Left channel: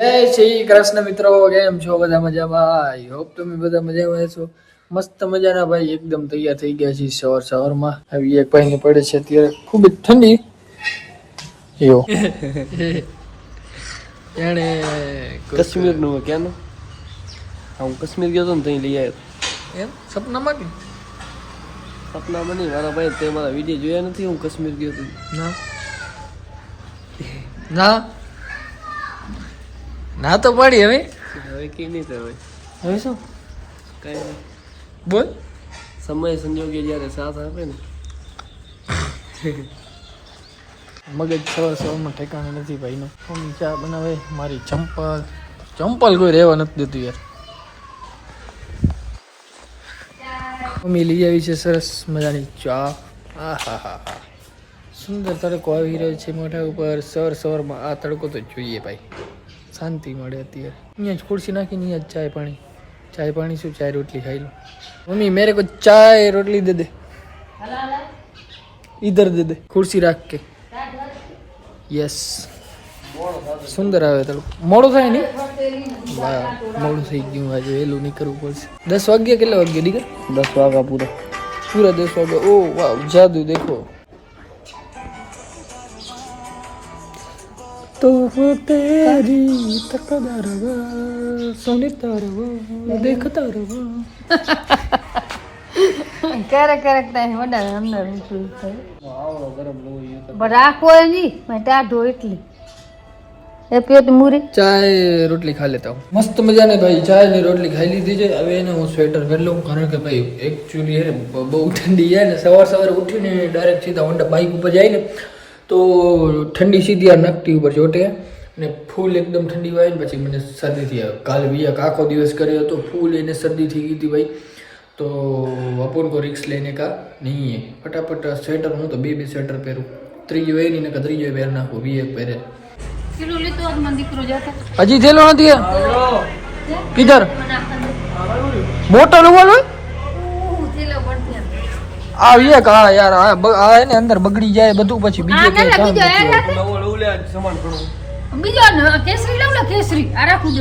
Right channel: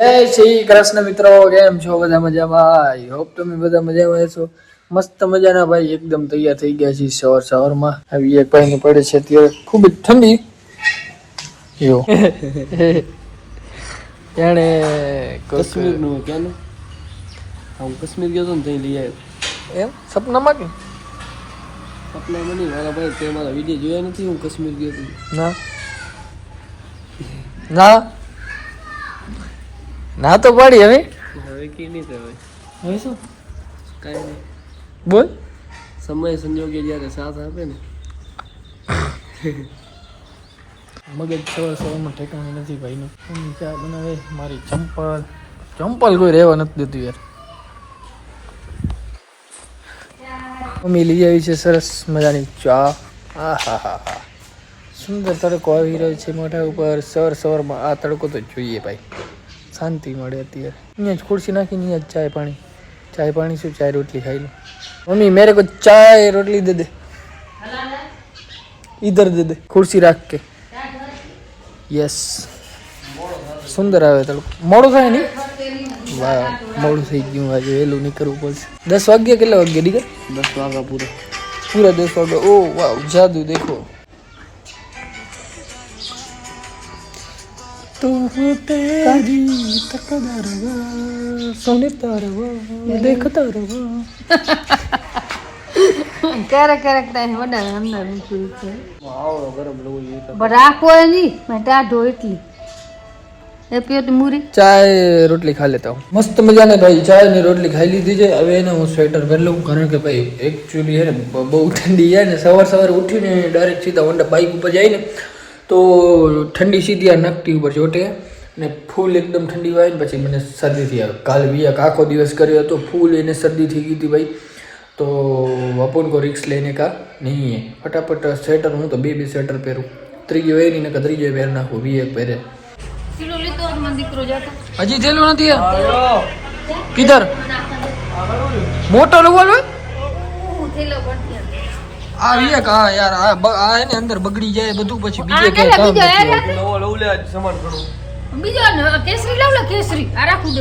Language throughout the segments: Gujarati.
જય શ્રી કૃષ્ણ મિત્રો, કેમ છો? બધા મજામાં? આઈ હોપ તમે બધા મજામાં છો. મસ્ત મજાના ભાઈ એકદમ તૈયાર થઈ ગયા છે. સવારમાં આવી એક ભાઈ ને પડે છે અત્યારે ખૂબ જ ઠંડી. જો એને કાશ્મીર નું ક્યાંનું હું કાશ્મીર ગયો તો ને ત્યાં લઈ આવ્યો. એમ સપનામાં કે સપનામાં નહીં, મારા ભાઈ તે મારા વિડીયો જોયા નથી. હું કાશ્મીર ગયો તો ના ના ના તો પડી. હવે હવે કે નહીં કહેવાય. હવે શું કાંઈ નહીં, બોલ. સમય સંજોગે જ્યારે સાથ આપે ને. મગજ સવારમાં ઠેકાણે નથી ભાઈનો. મમ્મી ચા બનાવે, મારી ચંપલ કોઈ રહેવા નથી દેતું યાર. મમ્મી લઈ આવી છે સરસ મજાની ચા. હા હા હા હા, સુંદર તડકો આવી રહ્યો છે મોઢા ઉપર. સવારમાં આ તડકો તો જોઈએ ભાઈ, શાંતિ મળે અત્યારે. અહીંયા જ ખુરશી નાખીને અહીંયા જ ચાય પાણી શું, ચાય રોટલી ખાઈ લો. મમ્મી મેરે કો ચાય રોટલી દે દે, इधर दे दे, कुर्सी रख के. यस, સુંદર આવે તડકો. મોડું થાય નહીં? વાહ, મોડું થઈ ગયું. આજે વહેલું નીકળવું પડશે. 10 વાગ્યા કેટલા વાગ્યા દીકર? 10 વાગ્યા પૂરા 10 વાગ્યા. ઓ વાહ, જાદુ દેખો. તો હું તેરી તકદર સુનતા રહા દેખતા રહા. ક્યારેક ટાઈમ વધારે અંદર નીકળી આવડો ગરમ લવું જોઈએ. પણ રાખો નહીં, મેં ટાઢો એટલી એ પીઓ તો મૂરી ચાય રોટલી ખા લેતા હું. મસ્ત મજાને ભાઈ ચાય ને રોટલી ખાઈ લીધી છે. હવે એને હું સ્વેટર પહેરી લઉં, કારણ કે ભાઈ એકચ્યુઅલી હે ને બહુ ઠંડી છે ને. સવારે ઉઠીને ડાયરેક્ટ સીધા હોન્ડા બાઇક ઉપર જાય ને તો ઠંડી સીધી આ નકટી ઉપર ચોટે ને ફૂલ એકદમ ઠંડી હોય ને પછી મને શરદી થઈ આવે. કાલે બી આખો દિવસ કર્યો હતો, ફૂલ એને શરદી થઈ ગઈ હતી ભાઈ. તો अपन को रिक्स लेने का नहीं है. फटाफट स्वेटर हूँ तो बे स्वेटर पहरूँ. ત્રીજો એ નહીં ને ત્રીજો પહેર નાખું. બી એક પહેરે. કિલો લીધો મને દીકરો જતો હજી થેલો નથી. કિધર મોટો લેવલ હોય થેલો પડતી આ એક. હા યાર, આ એને અંદર બગડી જાય બધું, પછી બીજે કે કામ નથી. નવો લઉં લે સામાન ઘણો. બીજો કેસરી લાવ લે, કેસરી આ રાખું દે.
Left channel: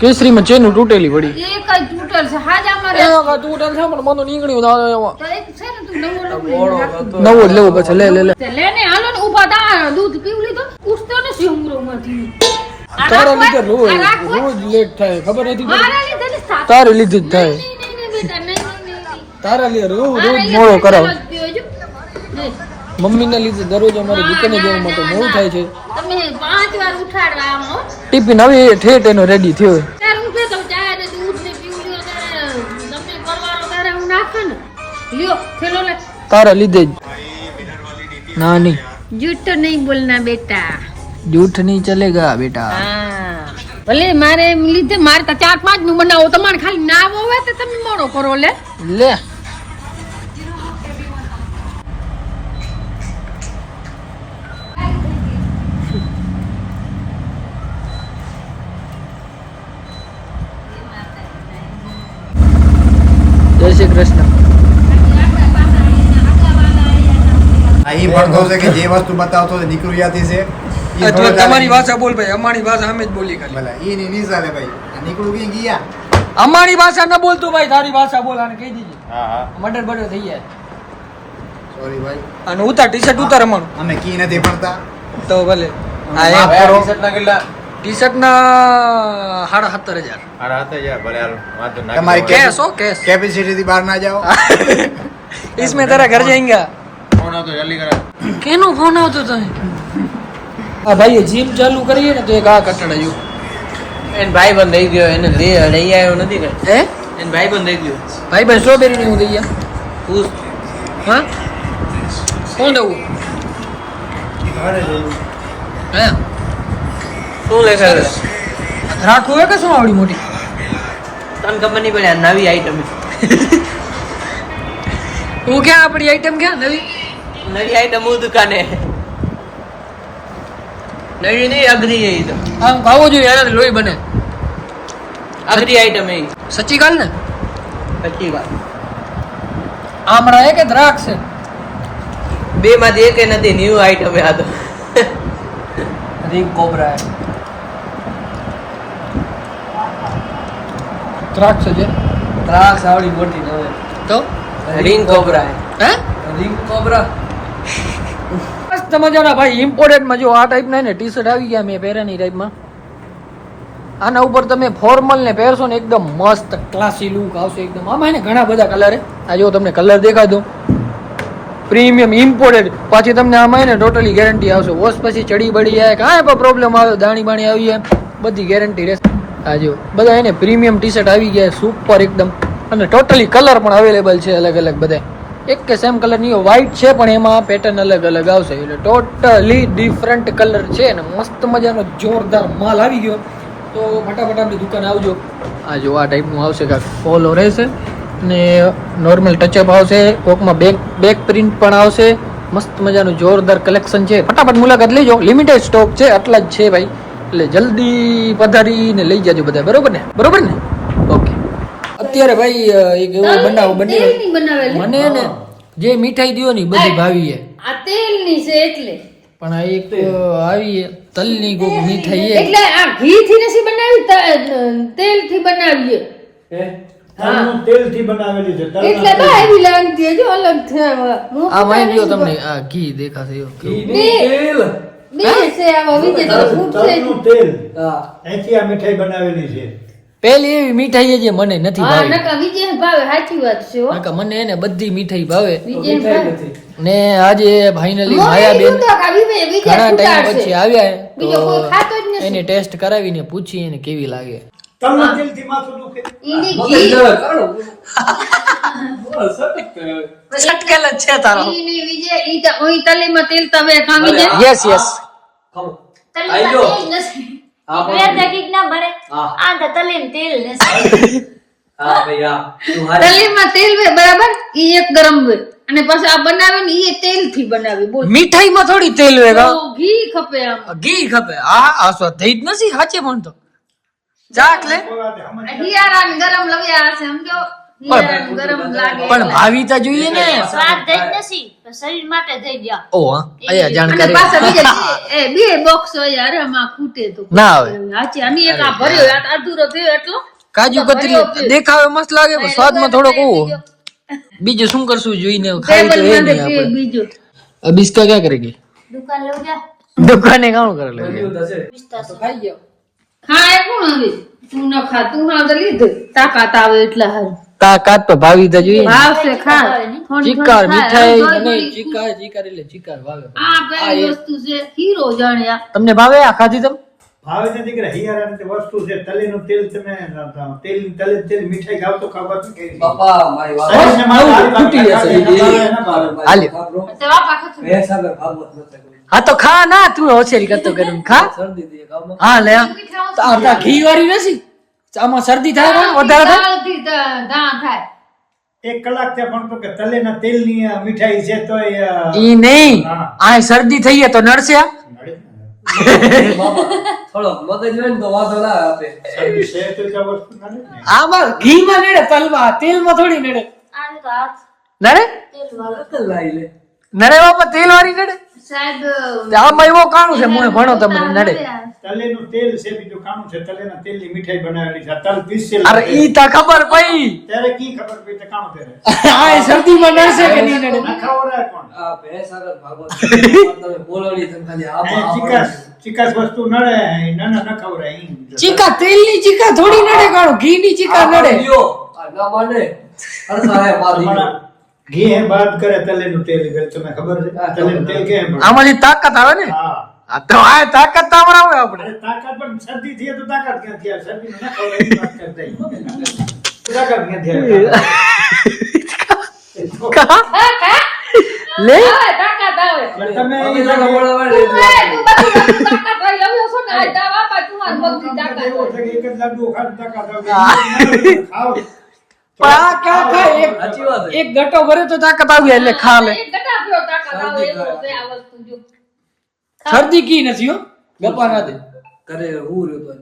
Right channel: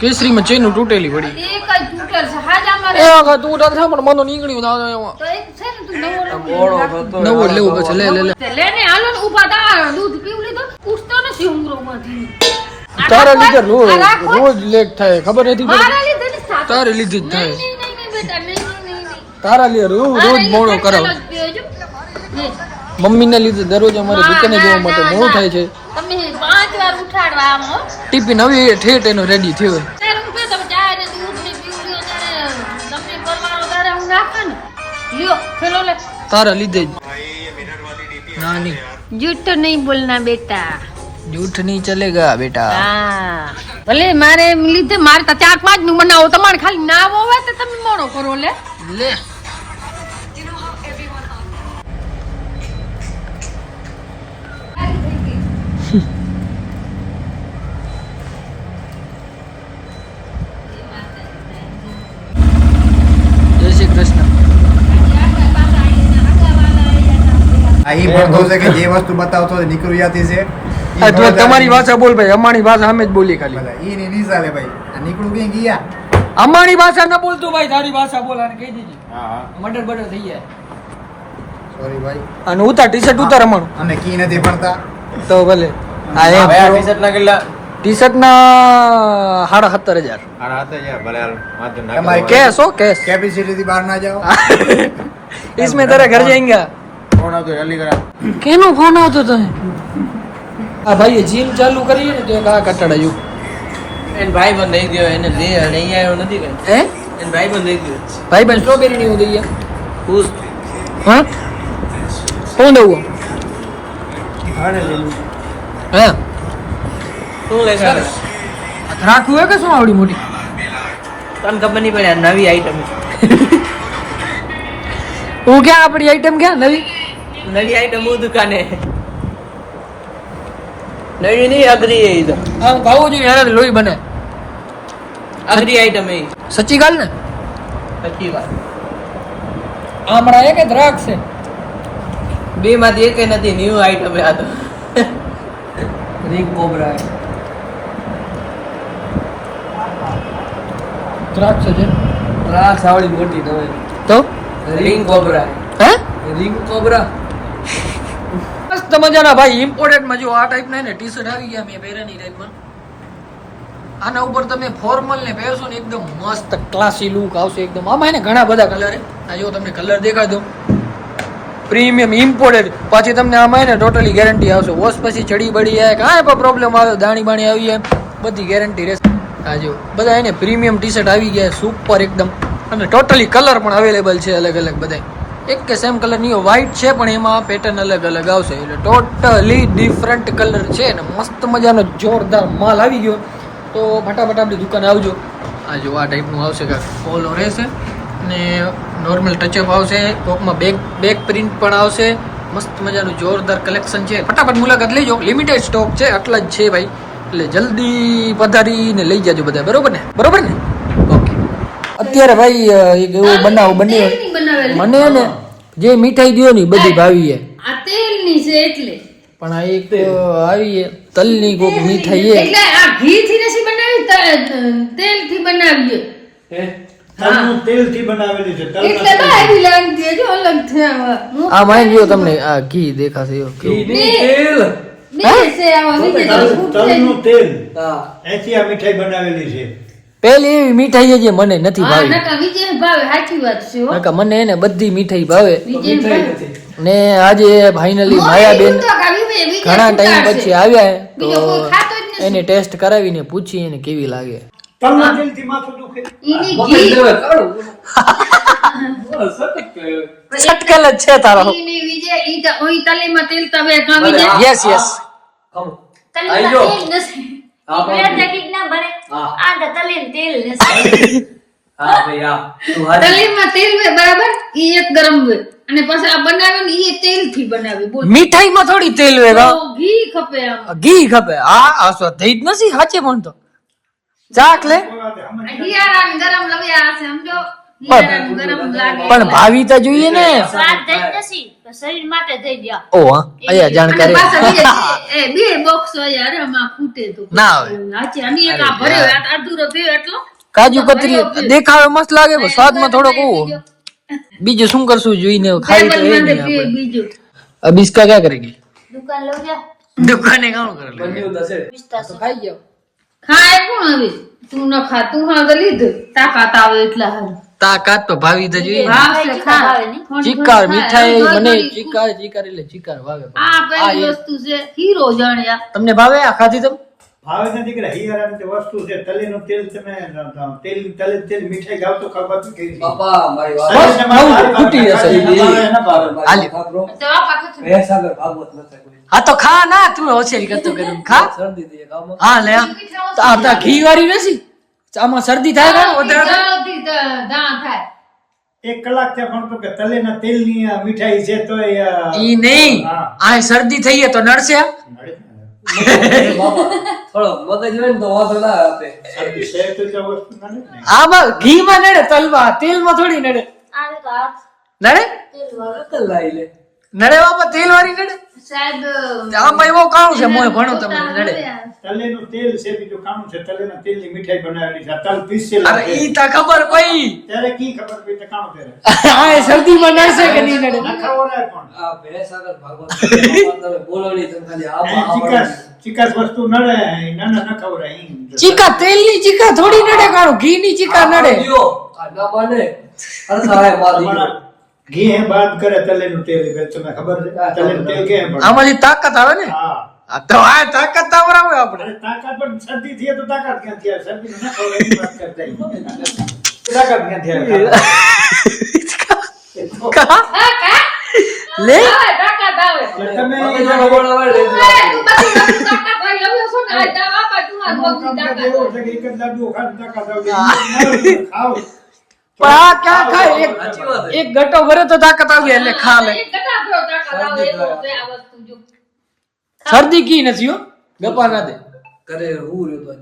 કેસરીમાં ચેનું તૂટેલી પડી. એક જ તૂટેલ છે હાજ અમારે. તું તાર સાંભળ, મને નીકળ્યું એમાં. તો એક છે ને તું નવો લઉં રાખું. નવો જ લેવો પછી. લે લેને હાલો ને ઊભા તા. દૂધ પીવું લીધો, ઉઠતો નથી ઉમરોમાંથી. તારા લીધે રોજ લેટ થાય, ખબર નથી મારે પડતી. લીધે ને સાત. તારે લીધે જ થાય. નહીં બેટા, નહીં. તારા લીધે રોજ મોડો કરાવ. મમ્મીને લીધે દરરોજ અમારે દુકાને જવા માટે મોડું થાય છે. તમે 5 વાર ઉઠાડવા આમ હો. ટિફિન હવે ઠેઠ એનો રેડી થયો. તારે હું કહે તો ચા ને દૂધ ને પીવું લ્યો તારે. તમને પરવારો તારે હું નાખે ને લ્યો ખેલો લે. તારા લીધે જ. ના નહીં, झूठ तो नहीं बोलना बेटा. જૂઠ નહીં ચલેગા બેટા. હા ભલે મારે એમ લીધે મારે તો 4-5 નું બનાવો. તમારે ખાલી નાવો હોય તો તમે મોડો કરો લે. લે જય શ્રી કૃષ્ણ. અહીં ભણતો છે કે જે વસ્તુ બતાવતો નીકળી જતી છે. તમારી ભાષા બોલ ભાઈ, અમારી ભાષા અમે જ બોલી ખાલી. ભલે ઈ ની નિશાલે ભાઈ નીકળું ક્યાં ગયા. અમારી ભાષા ન બોલતો ભાઈ, તારી ભાષા બોલ. આને કહી દીધી મર્ડર બર્ડર થઈ જાય. સોરી ભાઈ. અને ઉતાર ટી-શર્ટ ઉતાર અમારું. અમે કી નથી ભણતા તો ભલે. હા એમ કરો. ટી-શર્ટ ના 17,500. તમારી कैश हो कैश. કેપેસિટી થી બહાર ના જાઓ. इसमें तेरा घर जाएंगे. કેનો ફોન આવતો તો? આ ભાઈ જીમ ચાલુ કરીએ ને તો એક આ કટાડાયું. એન ભાઈ બંધ થઈ ગયો, એને લઈ આવ્યો નથી કે હે એન ભાઈ બંધ થઈ ગયો. ભાઈ બન સ્ટ્રોબેરી ની હું દઈએ. ખુશ હા કોણ દઉં? હા શું લે સરસ. રાખવું હોય કે શું આવડી મોટી? તને ખબર નહીં પડે આ નવી આઈટમ. હું ક્યાં આપણી આઈટમ ક્યાં નવી હું દુકાને નવી નહીં અઘરી એ તો આમ ખાવું જોઈએ યાર, લોહી બને. અઘરી આઈટમ એ સચ્ચી ગાલ ને. સચ્ચી વાત. આમરા એ કે દ્રાક્ષ છે? બે 2 માંથી એક નથી. ન્યુ આઈટમ આ તો રીક કોબરા ત્રાક્ષ છે ત્રાક્ષ આવડી મોટી નવે તો રિંગ કોબરા હા રિંગ કોબરા મસ્ત મજાના ભાઈ ઇમ્પોર્ટેન્ટમાં જો આ ટાઈપના ને ટી શર્ટ આવી ગયા મેં પહેર્યાની ટાઈપમાં આના ઉપર તમે ફોર્મલ ને પહેરશો ને એકદમ મસ્ત ક્લાસી લુક આવશે એકદમ આમાં એને ઘણા બધા કલર આ જો તમને કલર દેખાય દો પ્રીમિયમ ઇમ્પોર્ટેડ પાછી તમને આમાં એને ટોટલી ગેરંટી આવશે વોશ પછી ચડી બળી જાય કાંઈ પણ પ્રોબ્લેમ આવે દાણી બાણી આવી જાય બધી ગેરંટી રહેશે આ જો બધા એને પ્રીમિયમ ટી શર્ટ આવી ગયા સુપર એકદમ અને ટોટલી કલર પણ અવેલેબલ છે અલગ અલગ બધા એક કે સેમ કલર નહીં વ્હાઇટ છે પણ એમાં પેટર્ન અલગ અલગ આવશે એટલે ટોટલી ડિફરન્ટ કલર છે ને મસ્ત મજાનો જોરદાર માલ આવી ગયો તો ફટાફટ આપણી દુકાને આવજો આ જો આ ટાઈપનું આવશે કાંક ફોલો રહેશે ને નોર્મલ ટચઅપ આવશે કોકમાં બેક પ્રિન્ટ પણ આવશે મસ્ત મજાનું જોરદાર કલેક્શન છે ફટાફટ મુલાકાત લેજો લિમિટેડ સ્ટોક છે આટલા જ છે ભાઈ એટલે જલ્દી પધારીને લઈ જાજો બધા બરોબર ને ઓકે અત્યારે ભાઈ એક એવું બનાવ બન્યો તેલની બનાવેલી. મને ને જે મીઠાઈ દ્યો ની બધી ભાવી છે આ તેલની છે એટલે પણ આ એક આવી છે તલની કોક મીઠાઈ છે એટલે આ ઘી થી નથી બનાવી તેલ થી બનાવી તલનું તેલથી બનાવેલી છે એટલે બા એવી લાગતી જો અલગ છે આ માઇન જો તમને આ ઘી દેખાશે એવું કેવું બે છે આમાં વિજય તલનું તેલ હા એથી આ મીઠાઈ બનાવેલી છે પેલી એવી મીઠાઈ છે જે મને નથી હા ભાવી નકા વિજય ભાવે સાચી વાત છે હો નકા મને એને બધી મીઠાઈ ભાવે વિજય ભાવે ને આજે ફાઇનલી માયાબેન ઘણા ટાઈમ પછી આવ્યા હે, તો એને ટેસ્ટ કરાવીને પૂછી એને કેવી લાગે તલના તેલથી માથું દુખે સટકેલ જ છે તારો યસ યસ આઈ જો હા ભાઈ હા તું હારી તલીમાં તેલ વે બરાબર ઈ એક ગરમ વે અને પછી આ બનાવે ને ઈ તેલ થી બનાવે બોલ મીઠાઈમાં થોડી તેલ વેરા તો ઘી ખપે આમ ઘી ખપે આ થઈ જ નથી સાચે પણ તો ચાક લે હિયારા ને ગરમ લવ્યા હશે સમજો હિયારા ને ગરમ લાગે પણ ભાવી તો જોઈએ ને શરીર માટે થઈ ગયા ઓ હા અહીંયા જાણકારી બે બોક્સ યાર આમાં ખૂટે તો ના આવે હાચી અમે એક આ ભર્યો આ અધૂરો બે એટલો કાજુ કતરી દેખાવે મસ્ત લાગે પણ સ્વાદમાં થોડોક ઓવો બીજું શું કરશું જોઈને ખાઈ તો એ નહીં આપણે બીજું अब इसका क्या करेंगे દુકાન લઉં જા दुकाने काम कर ले તો ખાઈ જાવ ખાય કોણ હવે તું ન ખા તું હા તો લીધું તાકાત આવે એટલા હારું તાકાત તો ભાવી તો જોઈએ ભાવ છે ખા ચીકાર મીઠાઈ મને ચીકાર એટલે ચીકાર ભાવે આ પેલી વસ્તુ છે હીરો જાણ્યા તમને ભાવે આ ખાધી તમે ભાવે નથી કે હિયારાની વસ્તુ છે તલીનું તેલ તમે તેલ મીઠાઈ ખાવ તો ખબર નથી બાપા મારી વાત બસ નવું ખૂટી જશે હાલી તો આપા ખતું બે સાગર ભાગવત નથી કોઈ હા તો ખા ના તું હોશિયારી કરતો કરું ખા શરદી દે કામ હા લે આ ઘી વાળી નથી આમાં શરદી થાય ને વધારે થાય ચાલથી દા થાય 1 કલાક ત્યાં ભણતો કે તલેના તેલની આ મીઠાઈ છે તો ઈ નહીં આ શરદી થઈ છે તો નડશે બાપા થોડો મગજ હોય ને તો વાંધો ના આપે આમાં ઘી માં નડે તલમાં તેલ માં થોડી નડે નડે કલાઈ લે નડે બાપા તેલ વાળી નડે સાહેબ આમાં એવો કાણું છે મોય ભણો તમને નડે તલેનું તેલ છે બીજું કાણું છે તલેના તેલની મીઠાઈ બનાવેલી છે તલ પીસેલા અરે ઈ તા ખબર પઈ ત્યારે કી ખબર પડી તો કાણું ત્યારે આ શરદી માં નડશે કે નહીં નડે ના ખવડાય પણ આ બે સાગર ભાગવત તમે બોલો નહીં તમે ખાલી અહીં આ ચીકાશ વસ્તુ નડે ના ન ખવડાય અહીં ચીકા તેલ ની ચીકા થોડી નડે કાણું ઘી ની ચીકા નડે જો આ ના માને અરે સારે બાદી પણ ઘી હે બાદ કરે તલેનું તેલ તમે ખબર છે તલેનું તેલ કેમ પડે આમાંથી તાકાત આવે ને હા આ તો આ તાકાત તો આવે આપણે અરે તાકાત પણ શરદી થઈ તો તાકાત ક્યાંથી આવે શરદી ન ખવડાય એની વાત કરતા તાકાત ક્યાંથી આવે કા લે તાકાત આવે એટલે તમે તમે જો બોલાવે ને તું બધી તાકાત લઈ આવ્યો છો ને આ તા બાપા તું આ બધી તાકાત એવું છે કે એક જ લાડુ ખાવ તાકાત આવે ખાવ પણ આ ક્યાં ખાય સાચી વાત છે. એક ગટો ભરે તો તાકાત આવી એટલે ખા લે એક ગટાફલો તાકાત આવે એવો છે આ વસ્તુ જો શરદી કી નથી હો ગપા ના દે કરે હું રહ્યો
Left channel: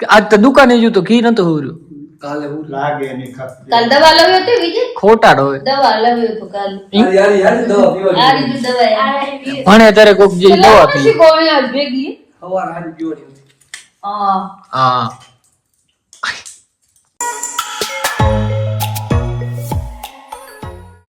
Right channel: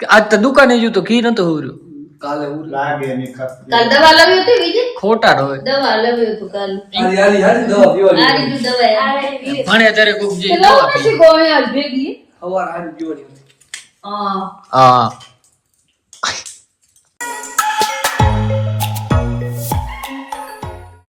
તો આજ તો દુકાને જો તો ઘી નતો હોર્યો કાલે હું લાગે નહીં ખપ કાલ દવા લાવ્યો તો વિજય ખોટાડ હોય દવા લાવ્યો તો કાલ યારી યારી દવા પીવાની આ રીત દવા આવી ભણે ત્યારે કોક જેવી દવા પી પછી ગોળ્યા ભેગી સવાર હારી પીવાની હા હા